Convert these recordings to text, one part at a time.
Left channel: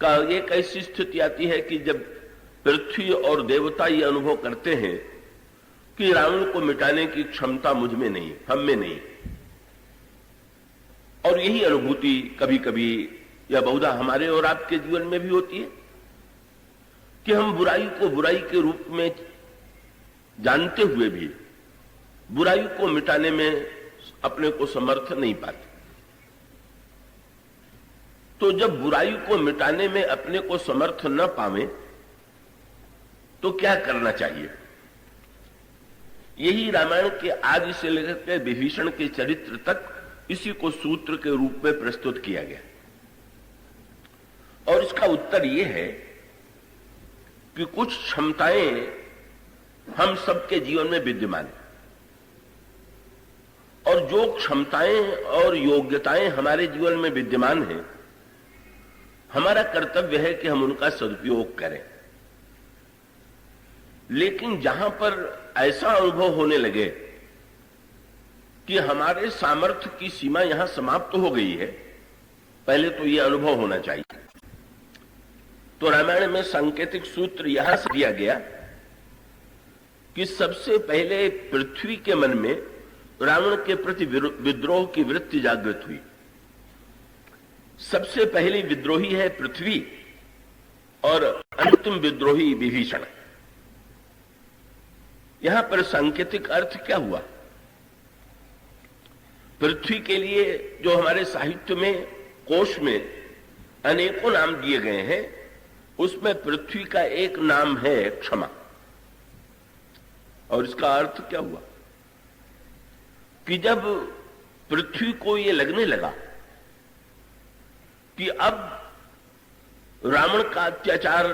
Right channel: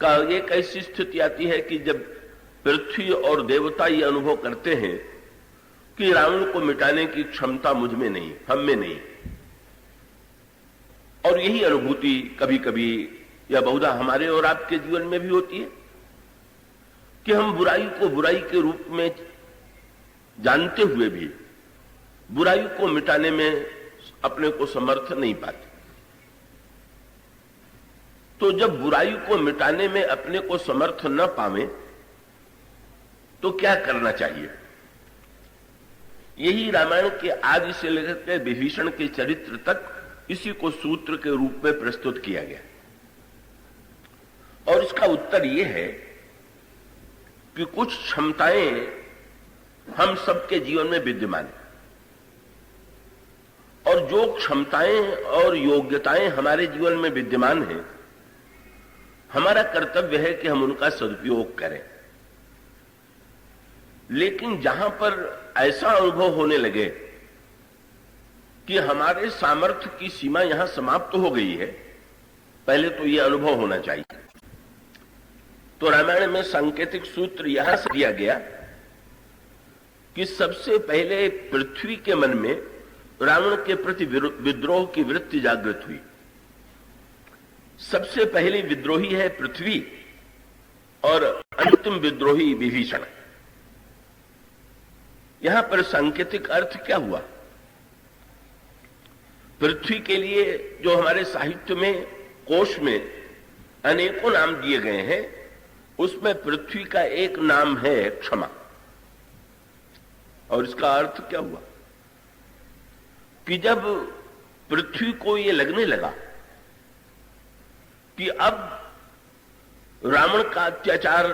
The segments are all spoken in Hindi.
का एक ऐसी स्थिति आती है कि जब पृथ्वी और देवता ये अनुभव करते हैं कि रावण को मिटाने की क्षमता मुझ में नहीं, हम में नहीं। और यही अनुभूति कभी कभी या बहुधा हमारे और आपके जीवन में भी होती है कि हम बुराई को बुराई के रूप में जानते हुए भी बुराई को मिटाने में अपने को समर्थ नहीं पाते। तो जब बुराई को मिटाने में अपने को समर्थ न पावे तो क्या करना चाहिए? यही रामायण के आदि से लेकर विभीषण के चरित्र तक इसी को सूत्र के रूप में प्रस्तुत किया गया। और इसका उत्तर यह है कि कुछ क्षमताएं हम सबके जीवन में विद्यमान हैं और जो क्षमताएं और योग्यताएं हमारे जीवन में विद्यमान हैं, हमारा कर्तव्य है कि हम उनका सदुपयोग करें। लेकिन जहां पर ऐसा अनुभव होने लगे कि हमारे सामर्थ्य की सीमा यहां समाप्त हो गई है, पहले तो यह अनुभव होना चाहिए। तो रामायण में सांकेतिक सूत्र यहां से दिया गया कि सबसे पहले पृथ्वी के मन में रावण के प्रति विद्रोह की वृत्ति जागृत हुई। सबसे पहली विद्रोही है पृथ्वी और अंतिम विद्रोही विभीषण। यहां पर सांकेतिक अर्थ क्या हुआ? पृथ्वी के लिए जो हमारे साहित्य में, कोश में अनेकों नाम दिए गए हैं, उसमें पृथ्वी का एक नाम है क्षमा। और इसका अर्थ क्या हुआ कि जब पृथ्वी को यह लगने लगा कि अब रावण का अत्याचार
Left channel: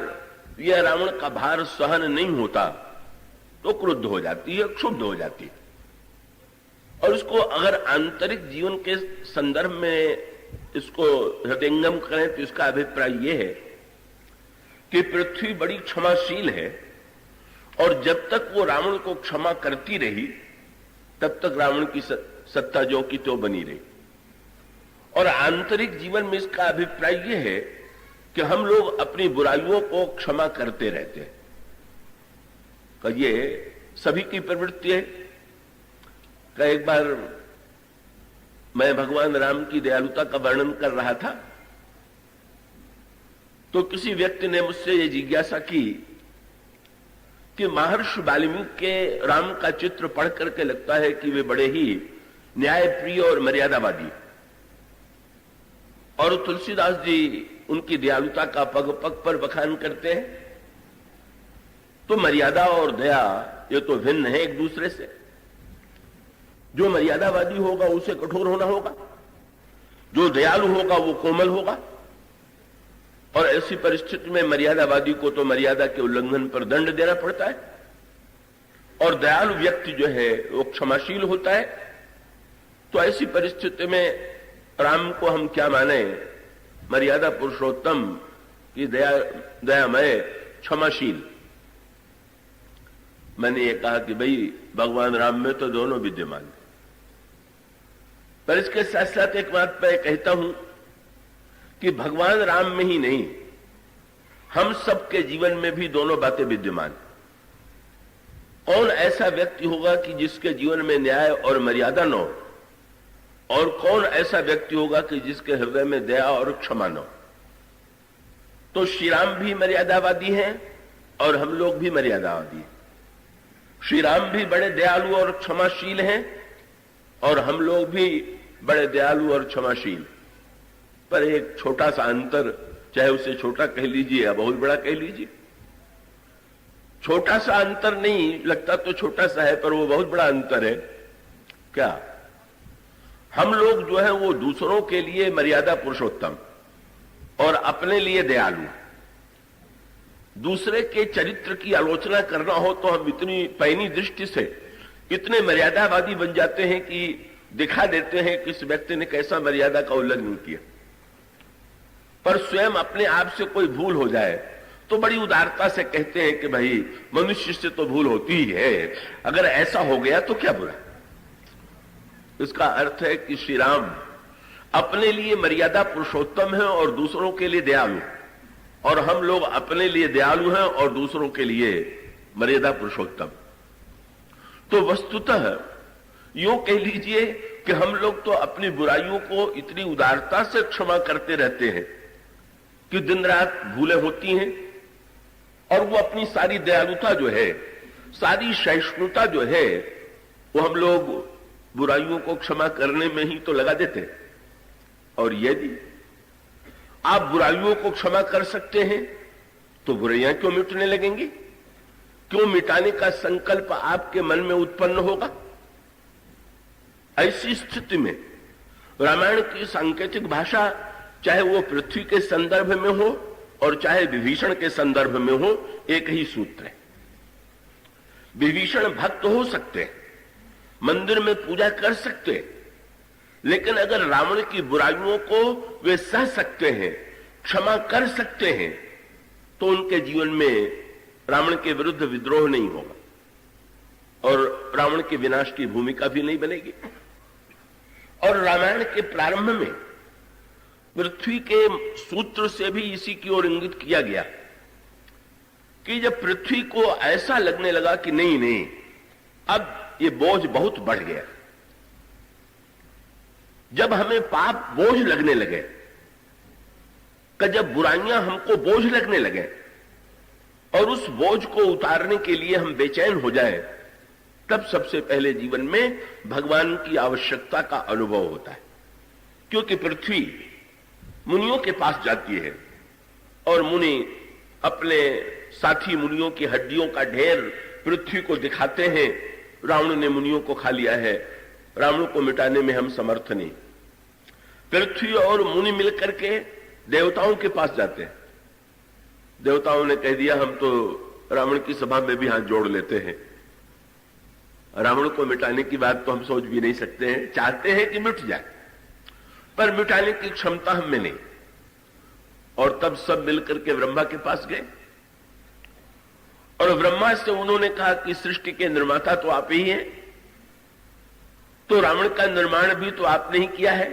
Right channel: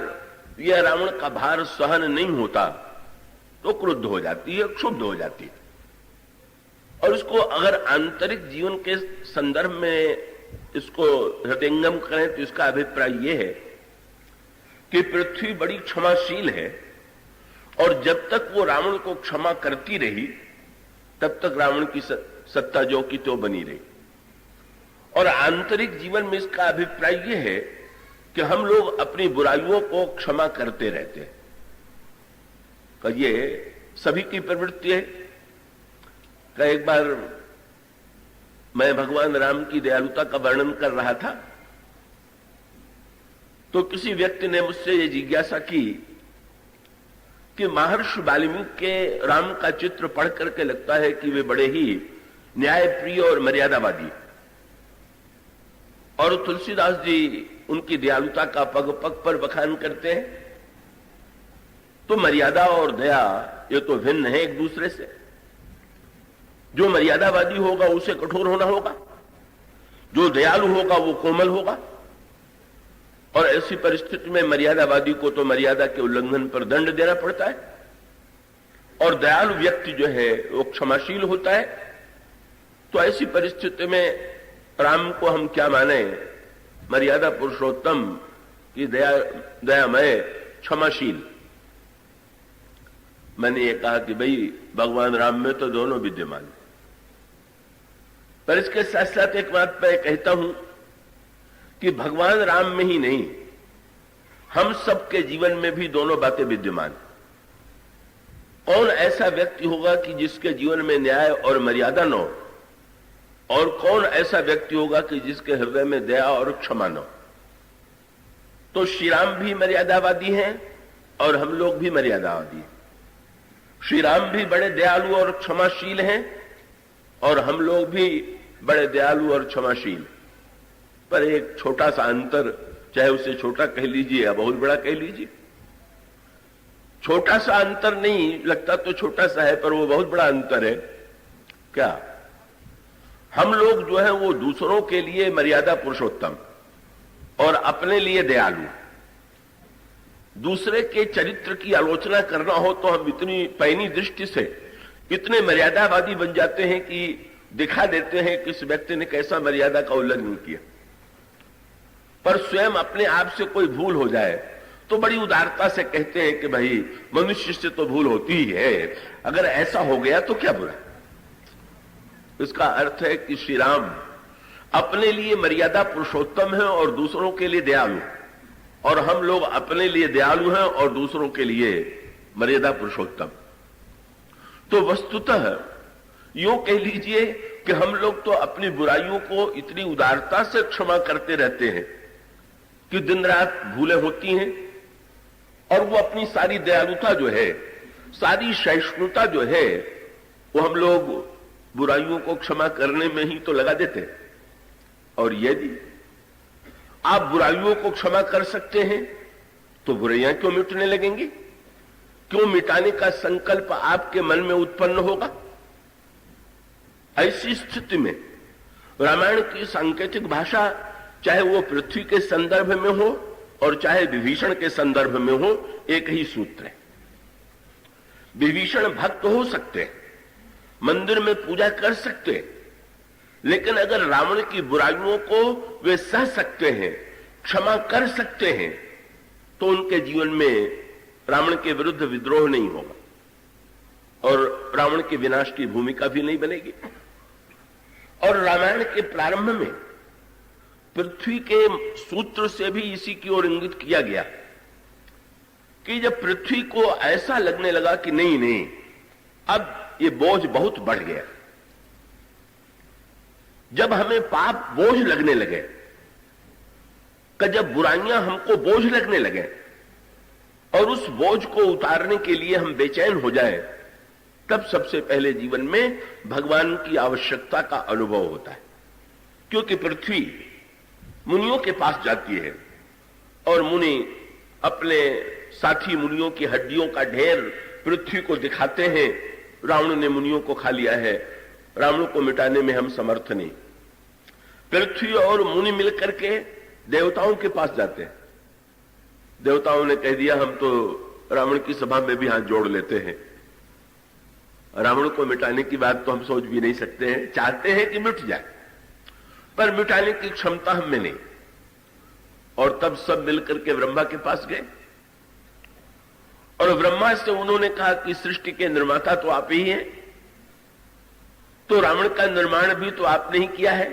या रावण का भार सहन नहीं होता, तो क्रुद्ध हो जाती है, क्षुब्ध हो जाती है। और उसको अगर आंतरिक जीवन के संदर्भ में इसको हृदयंगम करें तो इसका अभिप्राय यह है कि पृथ्वी बड़ी क्षमाशील है और जब तक वो रावण को क्षमा करती रही तब तक रावण की सत्ता जो की तो बनी रही। और आंतरिक जीवन में इसका अभिप्राय यह है कि हम लोग अपनी बुराइयों को क्षमा करते रहते हैं। तो ये सभी की प्रवृत्ति है। एक बार मैं भगवान राम की दयालुता का वर्णन कर रहा था तो किसी व्यक्ति ने मुझसे ये जिज्ञासा की कि महर्षि वाल्मीकि के राम का चित्र पढ़ करके लगता है कि वे बड़े ही न्यायप्रिय और मर्यादावादी, और तुलसीदास जी उनकी दयालुता का पग पग पर बखान करते हैं। तो मर्यादा और दया ये तो भिन्न है एक दूसरे से। जो मर्यादावादी होगा उसे कठोर होना होगा, जो दयालु होगा वो कोमल होगा। और ऐसी परिस्थिति में मर्यादावादी को तो मर्यादा के उल्लंघन पर दंड देना पड़ता है और दयालु व्यक्ति जो है वो क्षमाशील होता है। तो ऐसी परिस्थिति में राम को हम क्या माने? मर्यादा पुरुषोत्तम की दयामय क्षमाशील। मैंने ये कहा कि भाई भगवान राम में तो दोनों विद्यमान है, पर इसके साथ साथ एक बात मैं कहता हूं कि भगवान राम में ही नहीं, हम सबके जीवन में भी दोनों बातें विद्यमान। कौन ऐसा व्यक्ति होगा कि जिसके जीवन में न्याय और मर्यादा न हो, और कौन ऐसा व्यक्ति होगा कि जिसके हृदय में दया और क्षमा न हो? तो श्री राम भी मर्यादावादी हैं और हम लोग भी मर्यादावादी हैं। श्री राम भी बड़े दयालु और क्षमाशील हैं और हम लोग भी बड़े दयालु और क्षमाशील। पर एक छोटा सा अंतर, चाहे उसे छोटा कह लीजिए या बहुत बड़ा कह लीजिए, छोटा सा अंतर नहीं लगता तो छोटा सा है, पर वो बहुत बड़ा अंतर है। क्या? हम लोग जो है वो दूसरों के लिए मर्यादा पुरुषोत्तम और अपने लिए दयालु। दूसरे के चरित्र की आलोचना करना हो तो हम इतनी पैनी दृष्टि से इतने मर्यादावादी बन जाते हैं कि दिखा देते हैं कि इस व्यक्ति ने कैसा मर्यादा का उल्लंघन किया। पर स्वयं अपने आप से कोई भूल हो जाए तो बड़ी उदारता से कहते हैं कि भाई मनुष्य से तो भूल होती ही है, अगर ऐसा हो गया तो क्या बुरा। इसका अर्थ है कि श्री राम अपने लिए मर्यादा पुरुषोत्तम है और दूसरों के लिए दयालु। और हम लोग अपने लिए दयालु हैं और दूसरों के लिए मर्यादा पुरुषोत्तम। तो वस्तुतः यूं कह लीजिए कि हम लोग तो अपनी बुराइयों को इतनी उदारता से क्षमा करते रहते हैं कि दिन रात भूलें होती हैं, और वो अपनी सारी दयालुता जो है, सारी सहिष्णुता जो है, वो हम लोग बुराइयों को क्षमा करने में ही तो लगा देते हैं। और यदि आप बुराइयों को क्षमा कर सकते हैं तो बुराइयां क्यों मिटने लगेंगी? क्यों मिटाने का संकल्प आपके मन में उत्पन्न होगा? ऐसी स्थिति में रामायण की सांकेतिक भाषा, चाहे वो पृथ्वी के संदर्भ में हो और चाहे विभीषण के संदर्भ में हो, एक ही सूत्र है। विभीषण भक्त हो सकते हैं, मंदिर में पूजा कर सकते हैं, लेकिन अगर रावण की बुराइयों को वे सह सकते हैं, क्षमा कर सकते हैं, तो उनके जीवन में रावण के विरुद्ध विद्रोह नहीं होगा और रावण के विनाश की भूमिका भी नहीं बनेगी। और रामायण के प्रारंभ में पृथ्वी के सूत्र से भी इसी की ओर इंगित किया गया कि जब पृथ्वी को ऐसा लगने लगा कि नहीं नहीं, अब ये बोझ बहुत बढ़ गया, जब हमें पाप बोझ लगने लगे, कि जब बुराइयां हमको बोझ लगने लगे और उस बोझ को उतारने के लिए हम बेचैन हो जाए, तब सबसे पहले जीवन में भगवान की आवश्यकता का अनुभव होता है। क्योंकि पृथ्वी मुनियों के पास जाती है और मुनि अपने साथी मुनियों की हड्डियों का ढेर पृथ्वी को दिखाते हैं, रावण ने मुनियों को खा लिया है, रावण को मिटाने में हम समर्थ नहीं। पृथ्वी और मुनि मिलकर के देवताओं के पास जाते हैं। देवताओं ने कह दिया हम तो रावण की सभा में भी हाथ जोड़ लेते हैं, रावण को मिटाने की बात तो हम सोच भी नहीं सकते हैं, चाहते हैं कि मिट जाए, पर मिटाने की क्षमता हम में नहीं। और तब सब मिलकर के ब्रह्मा के पास गए और ब्रह्मा से उन्होंने कहा कि सृष्टि के निर्माता तो आप ही हैं, तो रावण का निर्माण भी तो आपने ही किया है,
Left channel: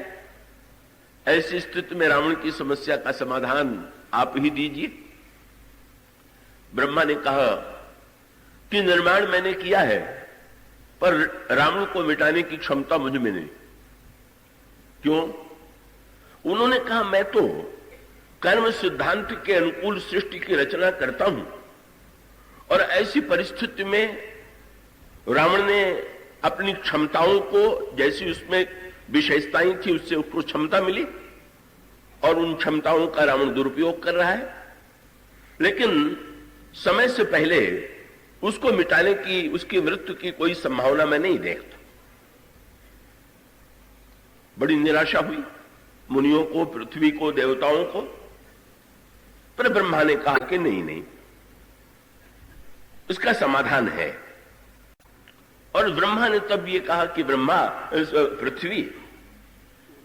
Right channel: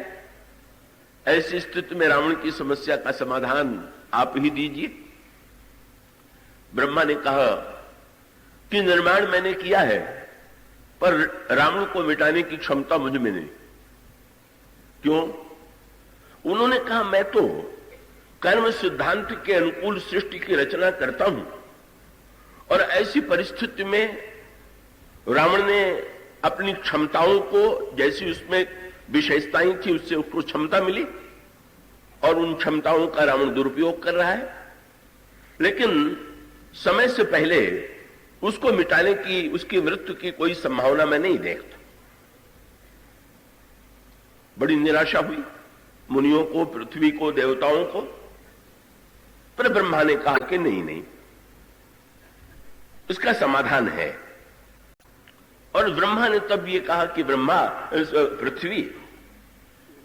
ऐसी स्थिति में रावण की समस्या का समाधान आप ही दीजिए। ब्रह्मा ने कहा कि निर्माण मैंने किया है, पर रावण को मिटाने की क्षमता मुझ में नहीं। क्यों? उन्होंने कहा मैं तो कर्म सिद्धांत के अनुकूल सृष्टि की रचना करता हूं, और ऐसी परिस्थिति में रावण ने अपनी क्षमताओं को, जैसी उसमें विशेषताएं थी, उससे उसको क्षमता मिली और उन क्षमताओं का रावण दुरुपयोग कर रहा है, लेकिन समय से पहले उसको मिटाने की, उसकी मृत्यु की कोई संभावना मैं नहीं देखता। बड़ी निराशा हुई मुनियों को, पृथ्वी को, देवताओं को। पर ब्रह्मा ने कहा कि नहीं नहीं, इसका समाधान है। और ब्रह्मा ने तब ये कहा कि ब्रह्मा, पृथ्वी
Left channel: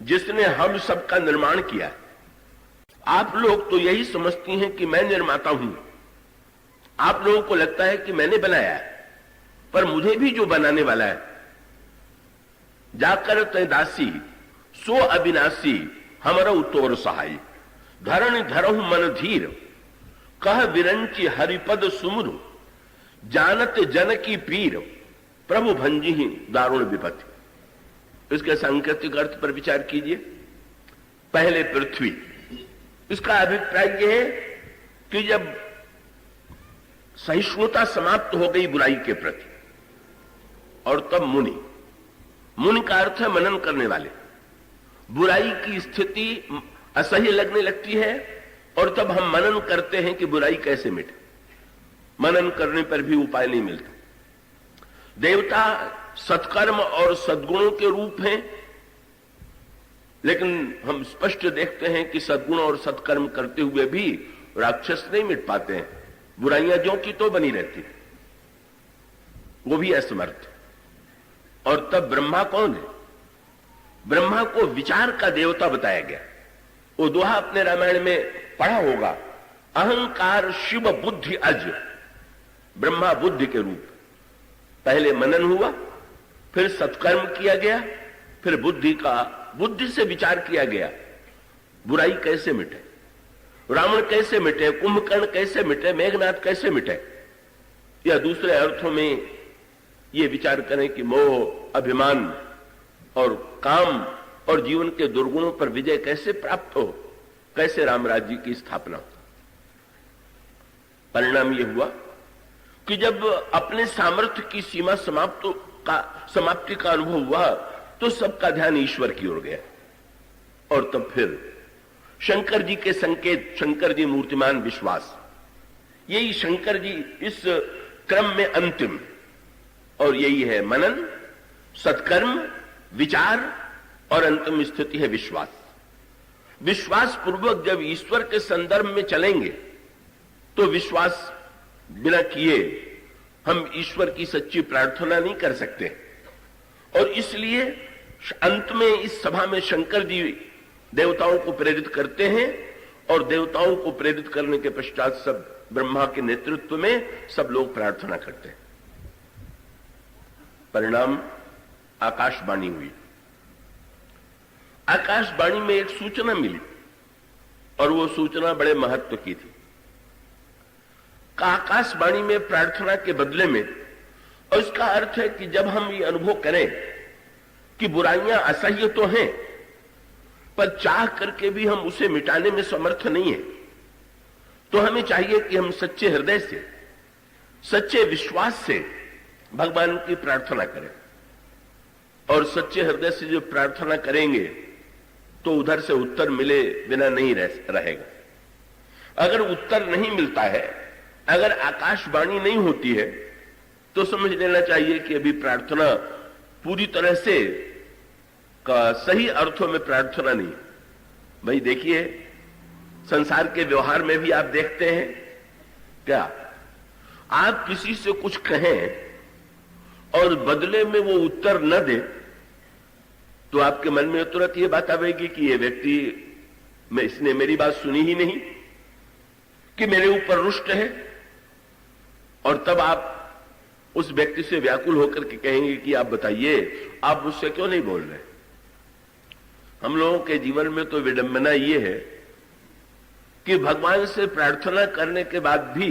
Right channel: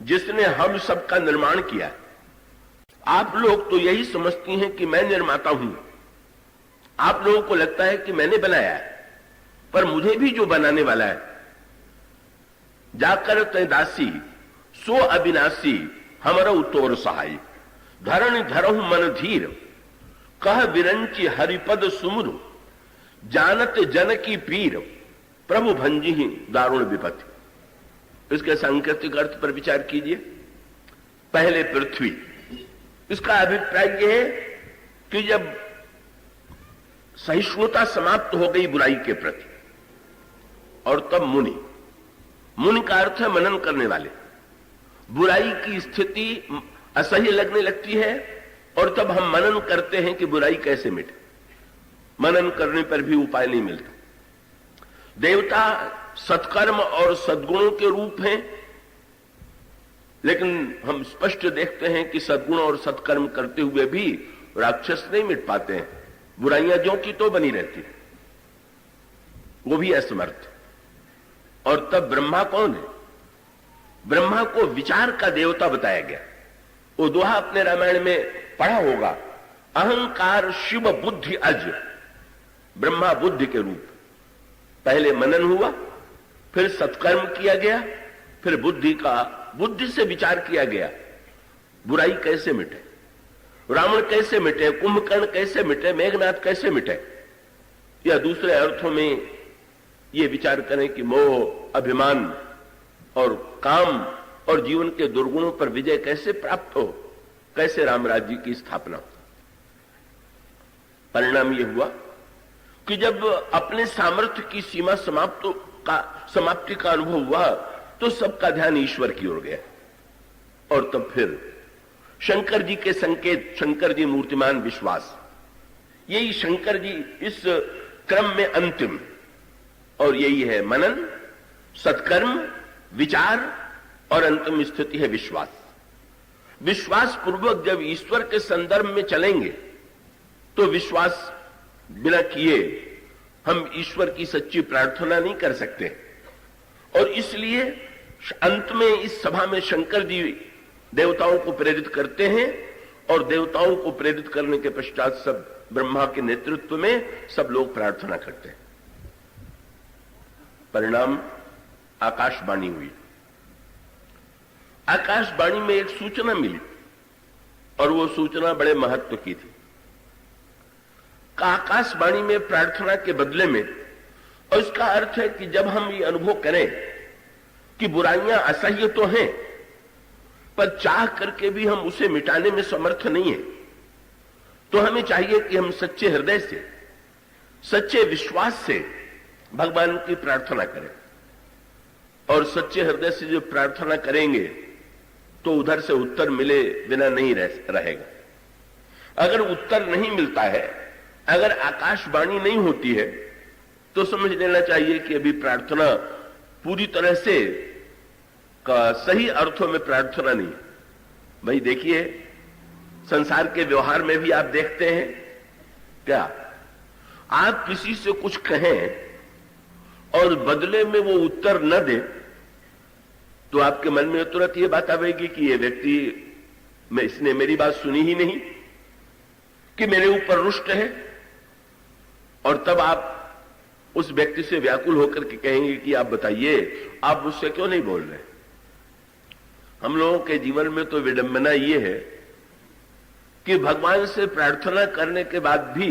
जिसने हम सबका निर्माण किया, आप लोग तो यही समझती हैं कि मैं निर्माता हूं, आप लोगों को लगता है कि मैंने बनाया है, पर मुझे भी जो बनाने वाला है, जाकर तय दासी सो अविनाशी हमारा उतोर सहाय, धरण धरहु मन धीर, कह विरंची हरिपद सुमरु, जानत जन की पीर, प्रभु भंजी ही दारुण विपत्ति। इसके सांकेतिक अर्थ पर विचार कीजिए। पहले पृथ्वी, इसका अभिप्राय यह है कि जब सहिष्णुता समाप्त हो गई बुराई के प्रति, और तब मुनि, मुनि का अर्थ है मनन करने वाले, बुराई की स्थिति असह्य लगने लगती है और तब हम मनन करते हैं कि बुराई कैसे मिटे। मनन करने पर भी उपाय नहीं मिलता। देवता सत्कर्म और सद्गुणों के रूप हैं, लेकिन हम स्पष्ट देखते हैं कि सद्गुण और सत्कर्म करते हुए भी राक्षस नहीं मिट पाते हैं, बुराइयां जो की तो बनी रहती, वो भी असमर्थ। और तब ब्रह्मा कौन है? ब्रह्मा को विचार का देवता बताया गया। वो दोहा अपने रामायण में पढ़ा होगा, अहंकार शिव बुद्धि अज, ब्रह्मा बुद्धि के रूप। पहले मनन हुआ, फिर सत्कर्म किया गया, फिर बुद्धि से विचार किया गया, बुराई कैसे मिटे। रावण कैसे मिटे, कुंभकर्ण कैसे मिटे, मेघनाद कैसे मिटे, या दूसरे अर्थों में ये विचार करें कि मोह, अभिमान और काम और जीवन के दुर्गुणों पर विजय कैसे प्राप्त हो, कैसे राम राज्य की स्थापना हो। परिणाम यह हुआ कि जब अपने सामर्थ्य की सीमा समाप्ति का अनुभव हुआ तो सबका ध्यान ईश्वर की ओर गया। और तब फिर शंकर जी के संकेत, शंकर जी मूर्तिमान विश्वास, यही शंकर जी इस क्रम में अंतिम, और यही है मनन, सत्कर्म, विचार और अंतिम स्थिति है विश्वास। विश्वास पूर्वक जब ईश्वर के संदर्भ में चलेंगे तो विश्वास बिना किए हम ईश्वर की सच्ची प्रार्थना नहीं कर सकते। और इसलिए अंत में इस सभा में शंकर जी देवताओं को प्रेरित करते हैं, और देवताओं को प्रेरित करने के पश्चात सब ब्रह्मा के नेतृत्व में सब लोग प्रार्थना करते हैं। परिणाम आकाशवाणी हुई। आकाशवाणी में एक सूचना मिली, और वो सूचना बड़े महत्व की थी। आकाशवाणी में प्रार्थना के बदले में, और इसका अर्थ है कि जब हम ये अनुभव करें कि बुराइयां असह्य तो हैं, पर चाह करके भी हम उसे मिटाने में समर्थ नहीं है, तो हमें चाहिए कि हम सच्चे हृदय से, सच्चे विश्वास से भगवान की प्रार्थना करें। और सच्चे हृदय से जो प्रार्थना करेंगे तो उधर से उत्तर मिले बिना नहीं रहेगा। अगर उत्तर नहीं मिलता है, अगर आकाशवाणी नहीं होती है, तो समझ लेना चाहिए कि अभी प्रार्थना पूरी तरह से का सही अर्थों में प्रार्थना नहीं। भाई देखिए, संसार के व्यवहार में भी आप देखते हैं क्या, आप किसी से कुछ कहें और बदले में वो उत्तर न दे तो आपके मन में तुरंत ये बात आएगी कि ये व्यक्ति, इसने मेरी बात सुनी ही नहीं, कि मेरे ऊपर रुष्ट है। और तब आप उस व्यक्ति से व्याकुल होकर के कहेंगे कि आप बताइए, आप मुझसे क्यों नहीं बोल रहे। हम लोगों के जीवन में तो विडंबना ये है कि भगवान से प्रार्थना करने के बाद भी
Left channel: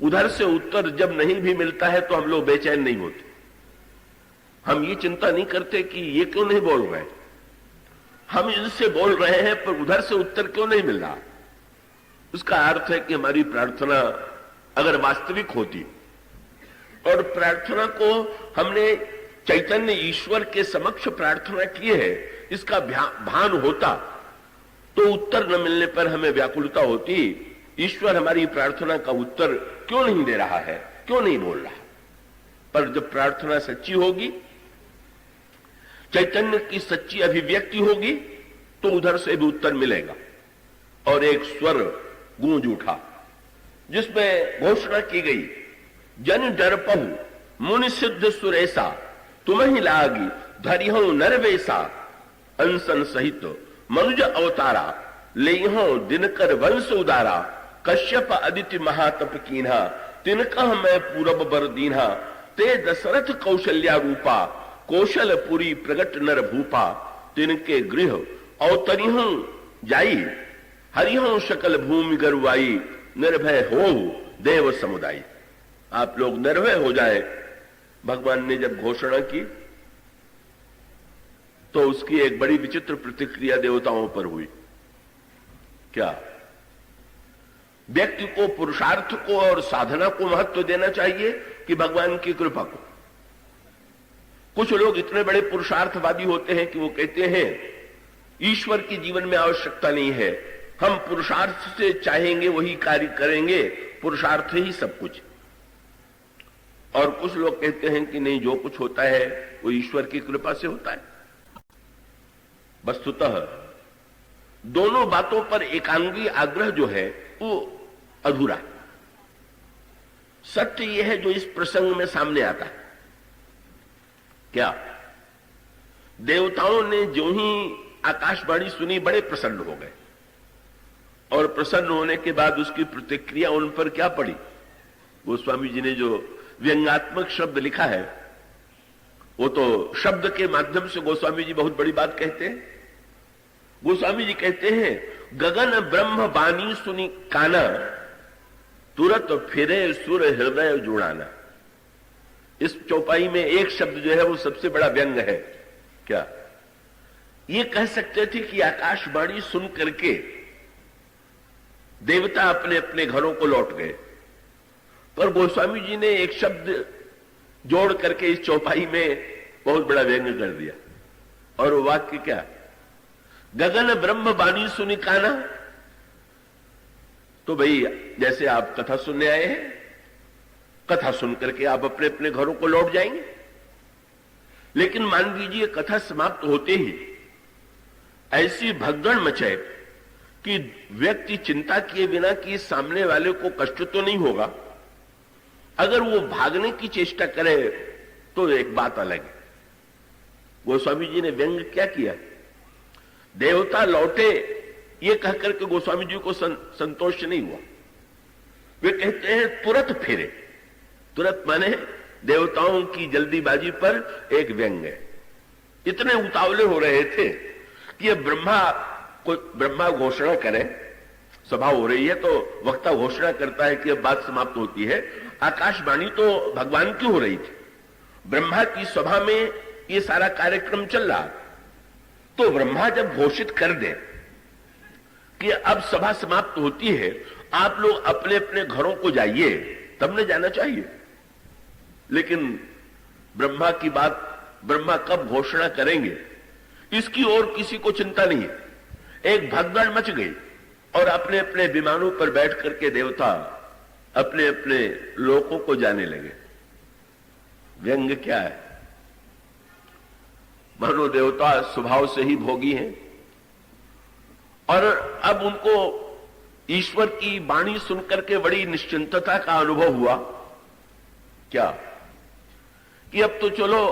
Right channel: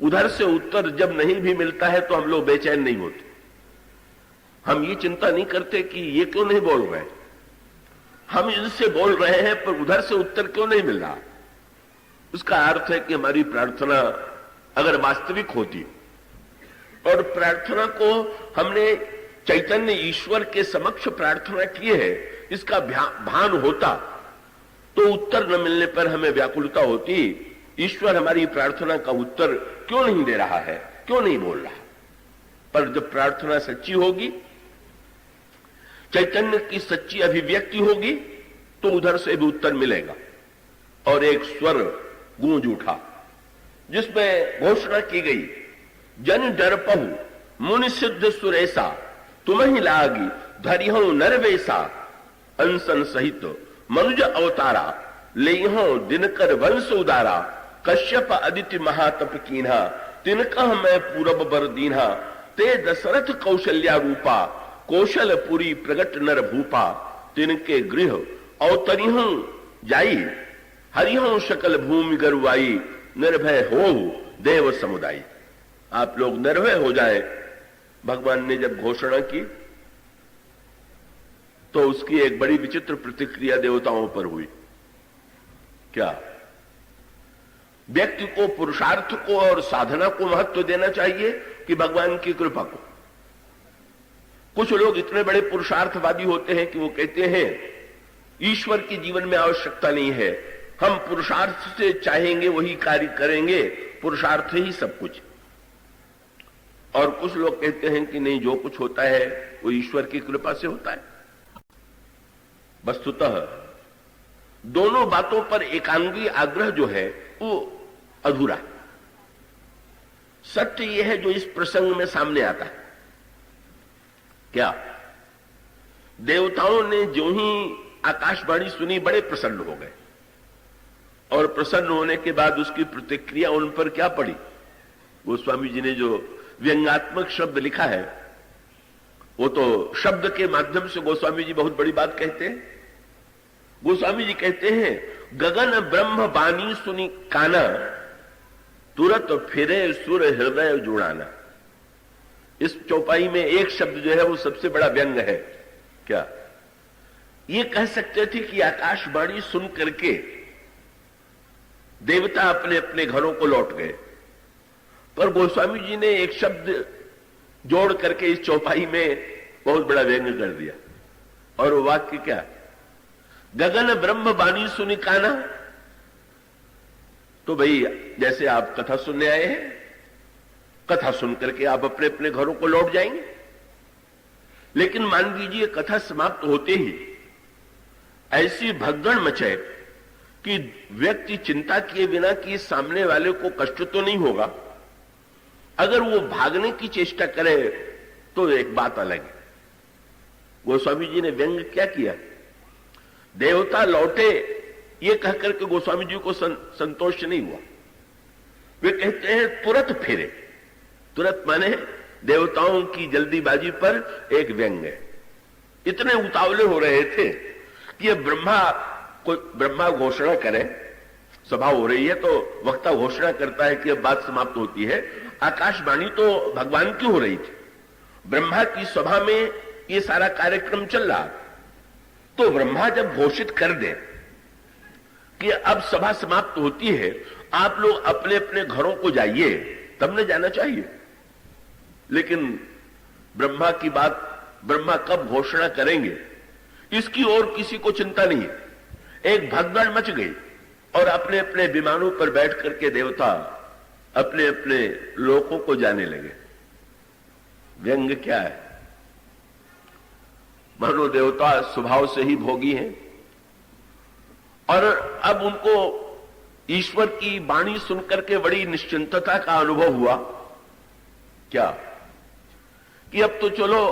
उधर से उत्तर जब नहीं भी मिलता है तो हम लोग बेचैन नहीं होते। हम ये चिंता नहीं करते कि ये क्यों नहीं बोल रहे, हम इनसे बोल रहे हैं पर उधर से उत्तर क्यों नहीं मिल रहा। उसका अर्थ है कि हमारी प्रार्थना अगर वास्तविक होती और प्रार्थना को हमने चैतन्य ईश्वर के समक्ष प्रार्थना की है, इसका भान होता, तो उत्तर न मिलने पर हमें व्याकुलता होती, ईश्वर हमारी प्रार्थना का उत्तर क्यों नहीं दे रहा है, क्यों नहीं बोल रहा। पर जब प्रार्थना सच्ची होगी, चैतन्य की सच्ची अभिव्यक्ति होगी, तो उधर से भी उत्तर मिलेगा। और एक स्वर गूंज उठा जिसमें घोषणा की गई, जन डरपहु मुनि सिद्ध सुरेसा, तुम्हें लागी धरिहो नरवेसा, अंसन सहित मनुज अवतारा, लेहो दिनकर वंश उदारा, कश्यप अदिति महातप कीन्हा, तिनकह मैं पूरब बर दीन्हा, ते दशरथ कौशल्या रूपा, कौशलपुरी प्रगट नर भूपा, तिनके गृह अवतरिहं जाई, हरिहं सकल भूमि गरुआई, निर्भय हो देव समुदाय। आप लोग निर्भय हो जाए। भगवान ने जब घोषणा की तो उसकी एक बड़ी विचित्र प्रतिक्रिया देवताओं पर हुई। क्या व्यक्ति को, पुरुषार्थ को और साधना को महत्व देना चाहिए कि भगवान की कृपा को? कुछ लोग इतने बड़े पुरुषार्थवादी होते हैं कि वो कहते हैं ईश्वर की जीवन में आवश्यकता नहीं है, हम पुरुषार्थ से चाहेंगे वही कार्य करेंगे, पुरुषार्थ ही सब कुछ। और कुछ लोग कहते हैं कि नहीं, जो कुछ होता है वो ईश्वर की कृपा से होता है। वस्तुतः दोनों बातों पर एकांगी आग्रह जो है वो अधूरा है। सत्य यह है जो इस प्रसंग में सामने आता है। क्या देवताओं ने जो ही आकाशवाणी सुनी बड़े प्रसन्न हो गए, और प्रसन्न होने के बाद उसकी प्रतिक्रिया उन पर क्या पड़ी। गोस्वामी जी ने जो व्यंग्यात्मक शब्द लिखा है, वो तो शब्द के माध्यम से गोस्वामी जी बहुत बड़ी बात कहते हैं। गोस्वामी जी कहते हैं गगन ब्रह्म बानी सुनी काना, तुरत फिरे सुर हृदय जुड़ाना। इस चौपाई में एक शब्द जो है वो सबसे बड़ा व्यंग है। क्या ये कह सकते थे कि आकाशवाणी सुन करके देवता अपने अपने घरों को लौट गए, पर गोस्वामी जी ने एक शब्द जोड़ करके इस चौपाई में बहुत बड़ा व्यंग कर दिया। और वो वाक्य क्या? गगन ब्रह्म बानी सुनी काना। तो भाई जैसे आप कथा सुनने आए हैं, कथा सुन करके आप अपने अपने घरों को लौट जाएंगे, लेकिन मान लीजिए कथा समाप्त होते ही ऐसी भगदड़ मचे कि व्यक्ति चिंता किए बिना कि सामने वाले को कष्ट तो नहीं होगा, अगर वो भागने की चेष्टा करे तो एक बात अलग है। गोस्वामी जी ने व्यंग क्या किया? देवता लौटे ये कहकर के गोस्वामी जी को संतोष नहीं हुआ। वे कहते हैं तुरत फिरे। तुरत माने देवताओं की जल्दीबाजी पर एक व्यंग है। इतने उतावले हो रहे थे कि ब्रह्मा घोषणा करे, सभा हो रही है तो वक्ता घोषणा करता है कि अब बात समाप्त होती है। आकाशवाणी तो भगवान की हो रही थी, ब्रह्मा की सभा में ये सारा कार्यक्रम चल रहा। तो ब्रह्मा जब घोषित कर दे कि अब सभा समाप्त होती है, आप लोग अपने अपने घरों को जाइए, तब न जाना चाहिए। लेकिन ब्रह्मा की बात, ब्रह्मा कब घोषणा करेंगे इसकी और किसी को चिंता नहीं है। एक भगदड़ मच गई और अपने अपने विमानों पर बैठ करके देवता अपने अपने लोकों को जाने लगे। व्यंग क्या है? मानो देवता स्वभाव से ही भोगी हैं और अब उनको ईश्वर की वाणी सुनकर के बड़ी निश्चिंतता का अनुभव हुआ। क्या कि अब तो चलो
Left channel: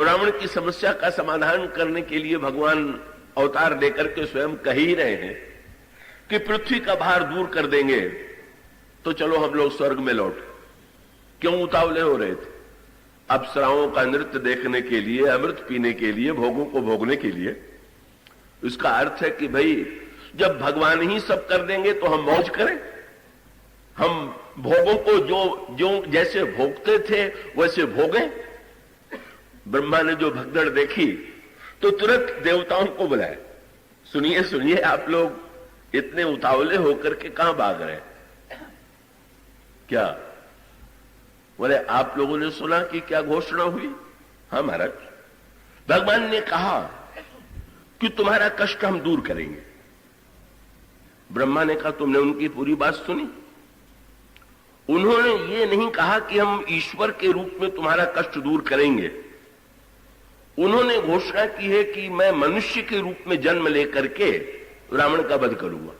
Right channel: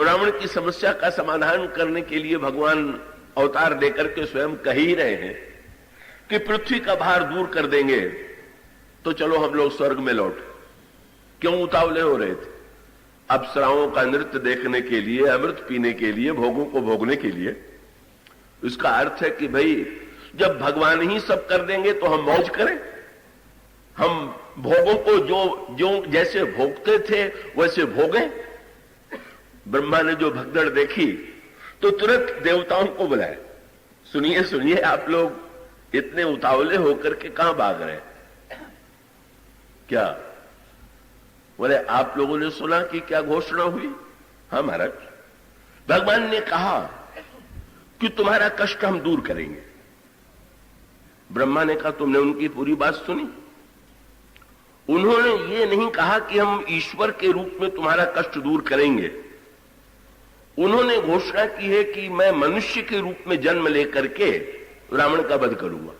रावण की समस्या का समाधान करने के लिए भगवान अवतार लेकर के स्वयं कह ही रहे हैं कि पृथ्वी का भार दूर कर देंगे, तो चलो हम लोग स्वर्ग में लौट। क्यों उतावले हो रहे थे? अप्सराओं का नृत्य देखने के लिए, अमृत पीने के लिए, भोगों को भोगने के लिए। इसका अर्थ है कि भाई जब भगवान ही सब कर देंगे तो हम मौज करें, हम भोगों को जो जैसे भोगते थे वैसे भोगें। ब्रह्मा ने जो भगदड़ देखी तो तुरंत देवताओं को बुलाया, सुनिए सुनिए, आप लोग इतने उतावले होकर के कहां भाग रहे हैं? क्या बोले? आप लोगों ने सुना कि क्या घोषणा हुई? हाँ महाराज, भगवान ने कहा कि तुम्हारा कष्ट हम दूर करेंगे। ब्रह्मा ने कहा तुमने उनकी पूरी बात सुनी? उन्होंने ये नहीं कहा कि हम ईश्वर के रूप में तुम्हारा कष्ट दूर करेंगे। उन्होंने घोषणा की है कि मैं मनुष्य के रूप में जन्म लेकर के रावण का वध करूंगा।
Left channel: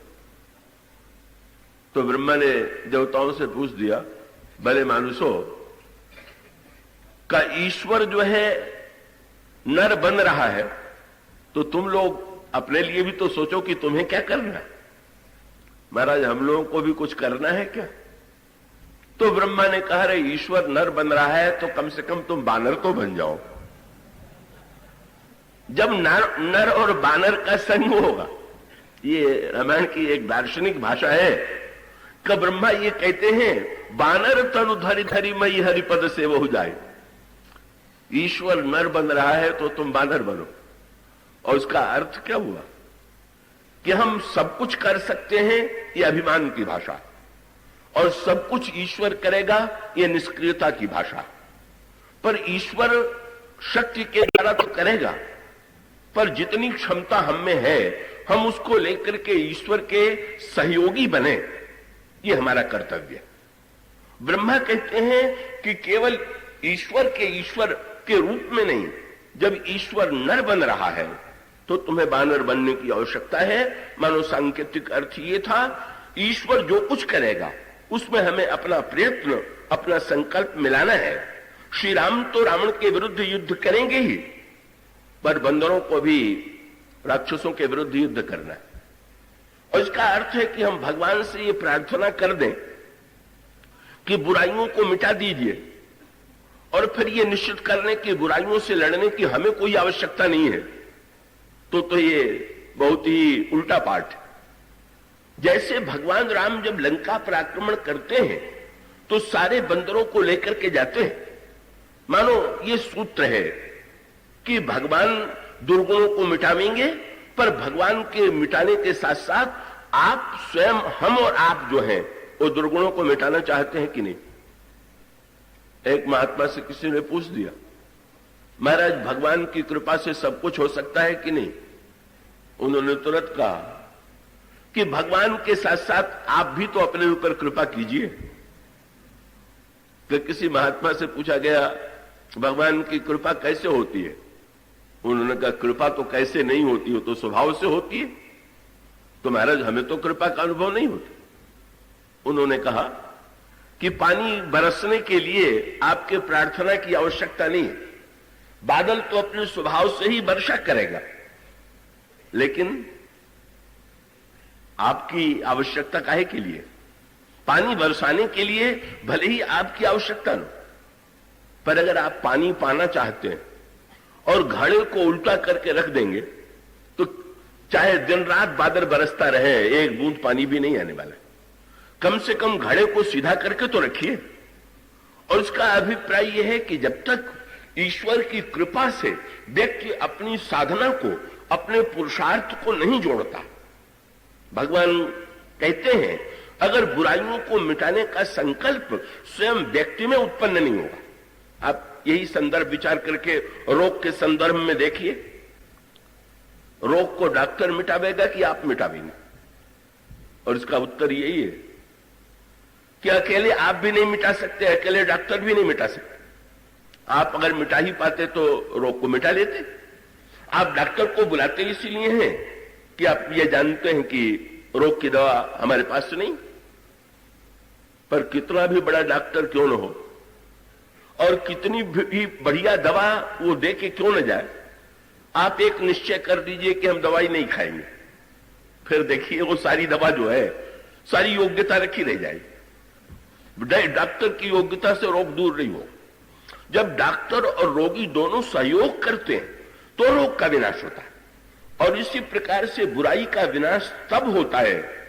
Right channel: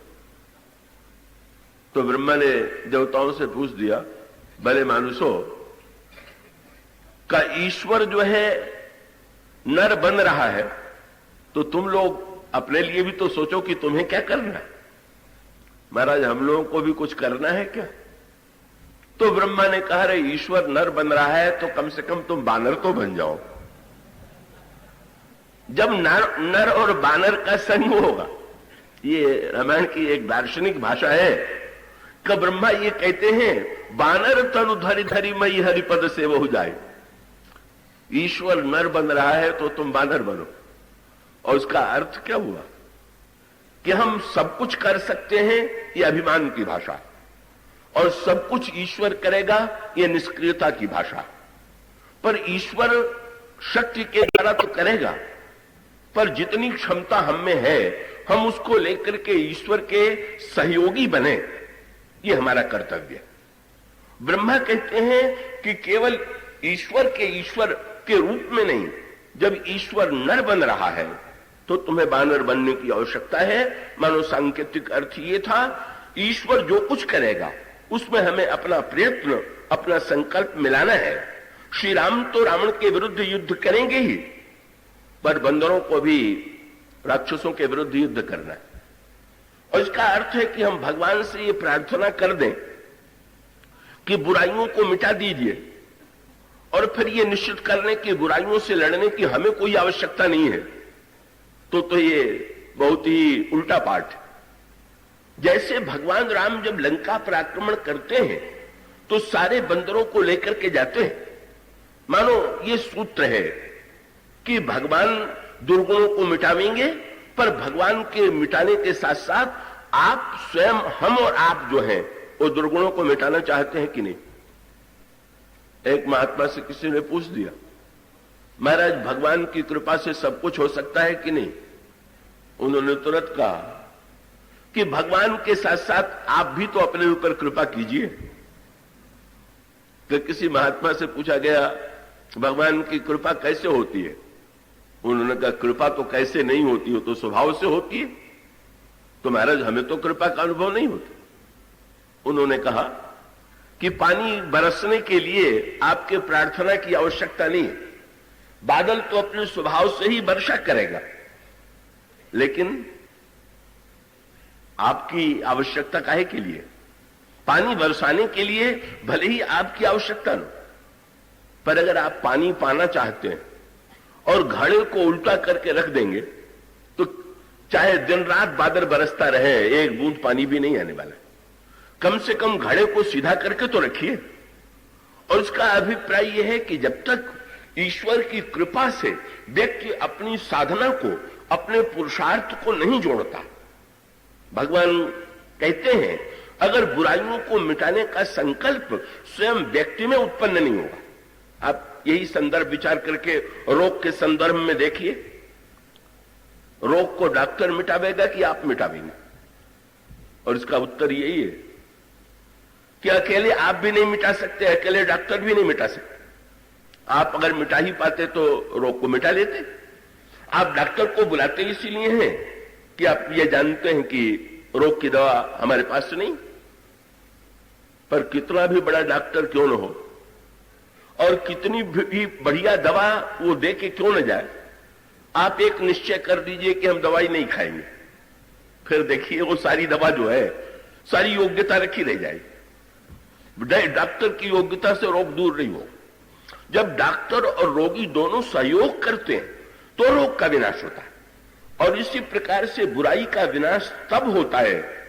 तो ब्रह्मा ने देवताओं से पूछ दिया, भले मानुषो, का ईश्वर जो है नर बन रहा है तो तुम लोग अपने लिए भी तो सोचो कि तुम्हें क्या करना है। महाराज हम लोगों को भी कुछ करना है क्या? तो ब्रह्मा ने कहा, रे ईश्वर नर बन रहा है तो कम से कम तुम बानर तो बन जाओ। जब नर और बानर का संग होगा, ये रामायण की एक दार्शनिक भाषा है कि ब्रह्मा ये कहते हैं बानर तनु धरि धरि मई हरिपद से वो जाए। ईश्वर नर बन रहा है तो तुम बानर बनो। और उसका अर्थ क्या हुआ कि हम सब कुछ कर सकते हैं, ये अभिमान की भाषा, और सब कुछ ईश्वर करेगा, ये निष्क्रियता की भाषा। पर ईश्वर शक्ति के द्वारा तो करेगा, पर जितनी क्षमता हम में है हम उसको लेकर के ईश्वर के सहयोगी बने, ये हमारा कर्तव्य है। ब्रह्मा कहते हैं कि केवल ईश्वर के रूप में नहीं, जब ईश्वर नर बन रहा है तो तुम्हें बानर बनने की आवश्यकता है। मानो सांकेतिक अर्थ ये था, ईश्वर जो कुछ करेगा उसमें हमें अपना प्रयत्न, अपना संकल्प मिलाना है। श्री राम तो रावण के विरुद्ध युद्ध करेंगे ही, पर बंदरों को भी राक्षसों के विरुद्ध युद्ध करना है। और इसका अर्थ है कि हम भगवान से ये प्रार्थना कर दें कि बुराइयों को मिटा दीजिए, और फिर ये निश्चित कर लें कि बुराइयों से लड़ने की हमें कोई आवश्यकता नहीं है। तो ये बहुत ही उल्टा पाठ है। जैसे भगवान राम जब लंका पर आक्रमण करते हैं तो सारे बंदरों को लेकर के जाते हैं। मानो ये सूत्र है कि भगवान दुर्गुणों को मिटावेंगे, पर भगवान के मिटाने के साथ साथ आप स्वयं, हम और आप जो हैं वो दुर्गुणों को मिटाना चाहते हैं कि नहीं। एक महात्मा से किसी ने पूछ दिया, महाराज भगवान की कृपा से सब कुछ हो सकता है कि नहीं। उन्होंने तुरंत कहा कि भगवान के साथ साथ आप भी तो अपने ऊपर कृपा कीजिए। कि किसी महात्मा से पूछा गया भगवान की कृपा कैसे होती है। उन्होंने कहा कृपा तो कैसे नहीं होती, हो तो स्वभाव से होती है। तो महाराज हमें तो कृपा का अनुभव नहीं होता। उन्होंने कहा कि पानी बरसने के लिए आपके प्रार्थना की आवश्यकता नहीं है, बादल तो अपने स्वभाव से ही वर्षा करेगा, लेकिन आपकी आवश्यकता काहे के लिए। पानी बरसाने के लिए भले ही आपकी आवश्यकता न, पर अगर आप पानी पाना चाहते हैं और घड़े को उल्टा करके रख देंगे तो चाहे दिन रात बादल बरसता रहे, एक बूंद पानी भी नहीं आने वाला। कम से कम घड़े को सीधा करके तो रखिए। और इसका अभिप्राय यह है कि जब तक ईश्वर की कृपा से व्यक्ति अपनी साधना को, अपने पुरुषार्थ को नहीं जोड़ता, भगवान कहते हैं अगर बुराइयों को मिटाने का संकल्प स्वयं व्यक्ति में उत्पन्न नहीं होगा। आप यही संदर्भ विचार करके रोग के संदर्भ में देखिए, रोग को डॉक्टर मिटावेगा कि आप मिटावेंगे। और इसका उत्तर यही है कि अकेले आप भी नहीं मिटा सकते, अकेले डॉक्टर भी नहीं मिटा सकते। आप अगर मिटा ही पाते तो रोग को मिटा लेते। आप डॉक्टर को बुलाते इसीलिए हैं कि आप ये जानते हैं कि रोग की दवा हमारे पास नहीं। पर कितना भी बड़ा डॉक्टर क्यों न हो और कितनी भी बढ़िया दवा वो दे के क्यों न जाए, आप एक निश्चय कर दीजिए कि हम दवाई नहीं खाएंगे, फिर देखिए वो सारी दवा जो है सारी योग्यता रखी रह जाएगी। डॉक्टर की योग्यता से रोग दूर नहीं हो। जब डॉक्टर और रोगी दोनों सहयोग करते हैं तो रोग का विनाश होता है। और इसी प्रकार से बुराई का विनाश तब होता है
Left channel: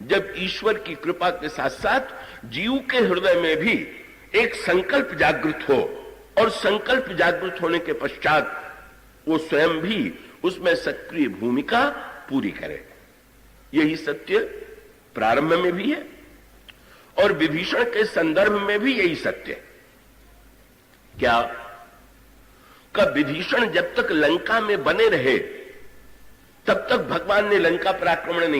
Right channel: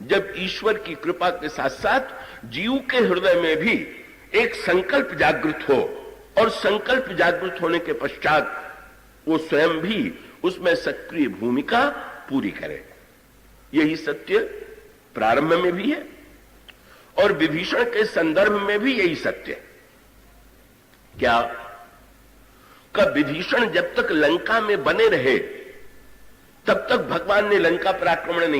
जब ईश्वर की कृपा के साथ साथ जीव के हृदय में भी एक संकल्प जागृत हो, और संकल्प जागृत होने के पश्चात वो स्वयं भी उसमें सक्रिय भूमिका पूरी करे। यही सत्य प्रारंभ में भी है और विभीषण के संदर्भ में भी यही सत्य है। क्या कब विभीषण जब तक लंका में बने रहे तब तक भगवान ने लंका पर आक्रमण नहीं